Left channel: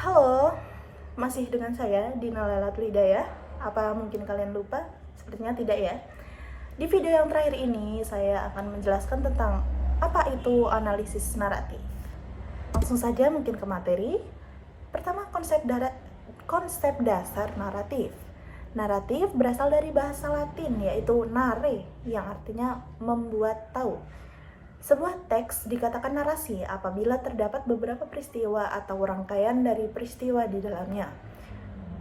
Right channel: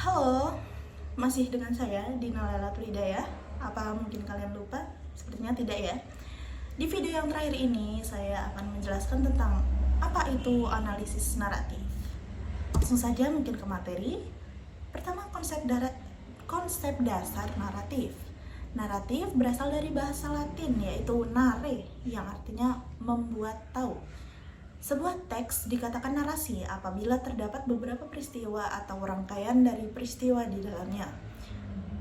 Halo, masih dengan saya Dina Lailatul Hidayah. Apa mungkin kalian lupa? Sepertinya tidak ya. Di video yang terakhir ini saya akan menjelaskan tentang apa itu analisis naratif. Langsung saja mungkin ke materi. Pertama, konsep dasar naratif. Naratif berasal dari bahasa Latin yaitu nare yang artinya membuat tahu. Sebuah teks dikatakan narasi apabila terdapat beberapa peristiwa atau rangkaian dari peristiwa di dalamnya.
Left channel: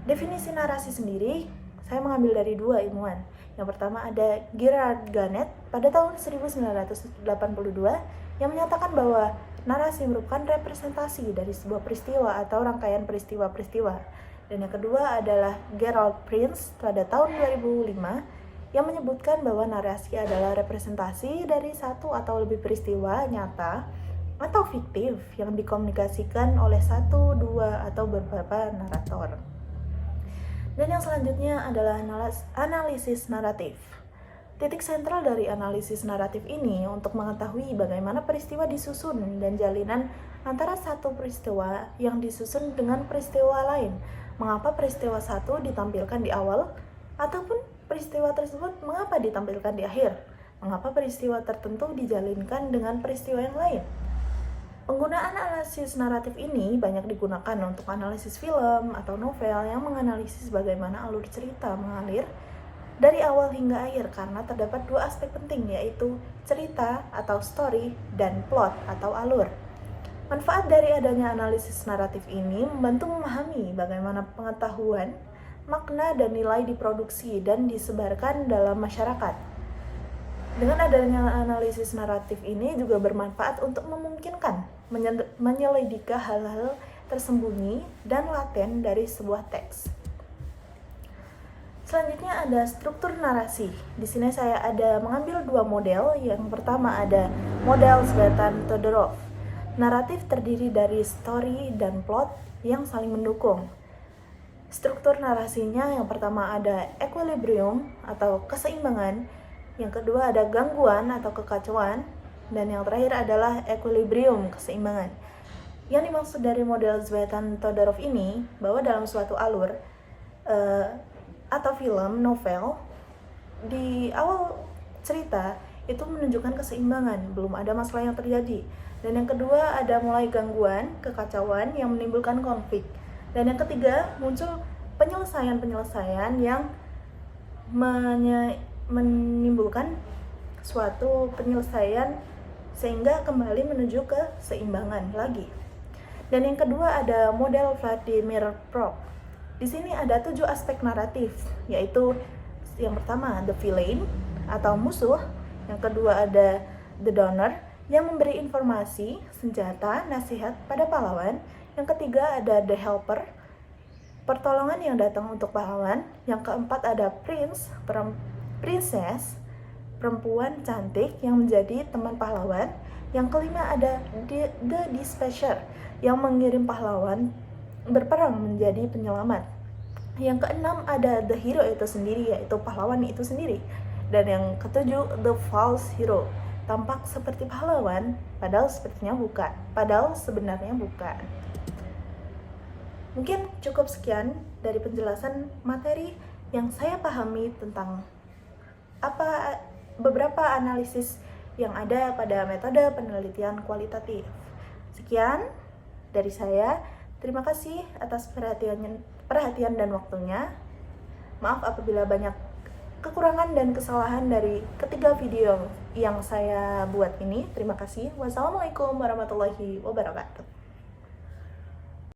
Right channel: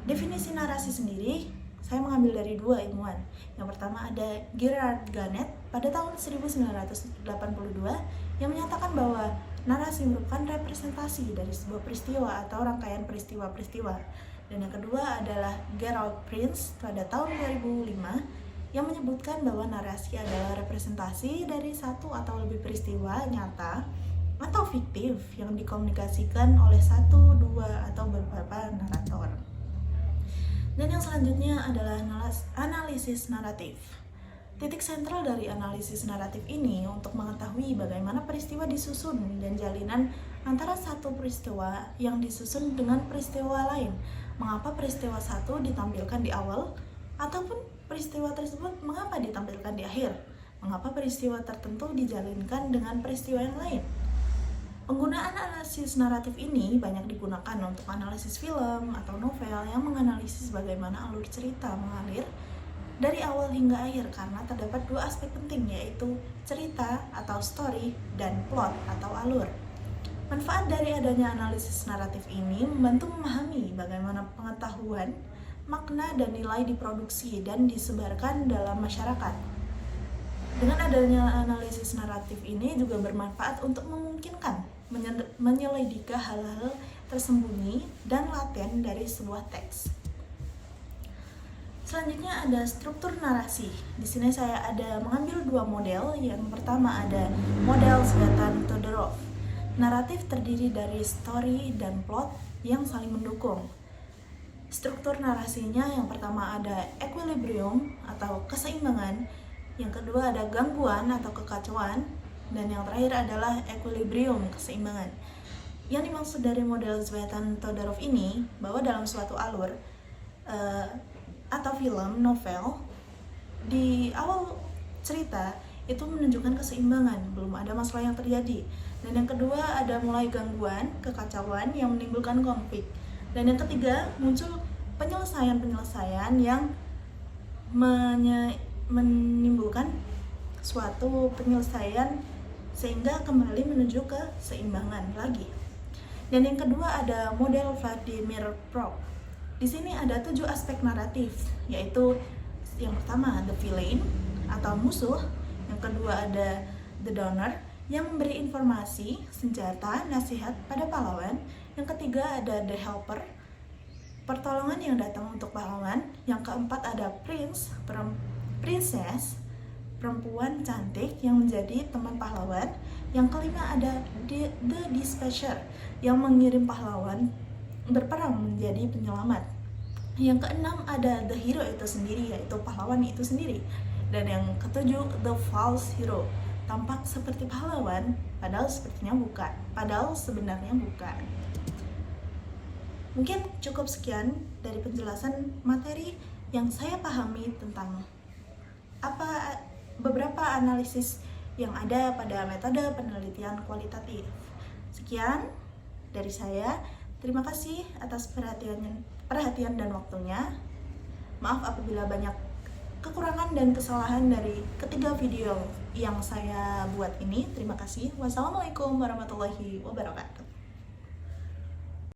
Definisi narasi sendiri saya mengambil dari dua ilmuwan. Yang pertama ada Gerard Ganet pada tahun 1982 yang menyatakan bahwa narasi merupakan representasi dari sebuah peristiwa atau rangkaian peristiwa-peristiwa. Dan yang kedua adalah Gerald Prince pada tahun 2005 yang menyebutkan bahwa narasi adalah representasi dari satu atau lebih peristiwa nyata atau fiktif yang dikomunikasikan oleh satu, dua, atau beberapa narator. Dan yang selanjutnya adalah analisis naratif. Titik sentral dari analisis naratif ini untuk mengetahui bagaimana peristiwa disusun dan jalinan antara satu peristiwa yang disusun dengan peristiwa lain. Mengapa peristiwa satu ditampilkan di awal, ataupun peristiwa tersebut mengapa ditampilkan di akhir? Mengapa peristiwa tertentu dijalinkan dengan peristiwa yang lain? Penggunaan analisis naratif ini banyak digunakan untuk analisis film atau novel yang menganalisis bagaimana alur cerita mengalir dari awal hingga akhir karena terdapat dua aspek penting yaitu cerita atau story dan plot atau alur. Manfaat dari adanya analisis naratif ini membantu memahami bagaimana pengetahuan, makna dan nilai diproduksi dan disebarkan dalam masyarakat. Dengan adanya analisis naratif ini juga bermanfaat untuk memungkinkan menyelidiki hal-hal tersembunyi dan laten dari sebuah teks. Selanjutnya ada struktur narasi. Di sini saya ada mengambil dua model. Yang pertama ada model Tsvetan-Todorov. Naratif terdiri dari story dan plot yang saling mendukung. Struktur narasinya yang pertama ada equilibrium atau keseimbangan, yang kedua ada gangguan atau kekacauan, dan yang terakhir adalah equilibrium, keseimbangan. Yang dimaksud dari model Tsvetan-Todorov ini bahwa dalam suatu alur atau film, novel, di awal cerita itu menunjukkan keseimbangan, belum ada masalah yang terjadi. Dan yang kedua ada mulai gangguan, kekacauan yang menimbulkan konflik. Dan yang ketiga, muncul penyelesaian-penyelesaian yang menimbulkan suatu penyelesaian sehingga kembali menuju ke seimbangan lagi. Dan yang kedua ada model Vladimir Prok. Di sini ada 7 aspek naratif, yaitu yang pertama the villain atau musuh, yang kedua ada the donor yang memberi informasi, senjata, nasihat pada pahlawan. Yang ketiga ada the helper, pertolongan yang datang untuk pahlawan. Yang keempat ada prince, princess, perempuan cantik yang menjadi teman pahlawan. Yang kelima ada the dispatcher yang mengirim pahlawan berperang menjadi penyelamat. Yang keenam ada the hero itu sendiri, yaitu pahlawan itu sendiri. Dan yang ketujuh the false hero, tampak seperti pahlawan padahal sebenarnya bukan. Mungkin cukup sekian dari penjelasan materi yang saya pahami tentang beberapa analisis yang ada pada metode penelitian kualitatif. Sekian dari saya. Terima kasih atas perhatian dan waktunya. Maaf apabila banyak kekurangan dan kesalahan dari ketiga video yang saya buat ini. Terima kasih. Wassalamualaikum warahmatullahi wabarakatuh.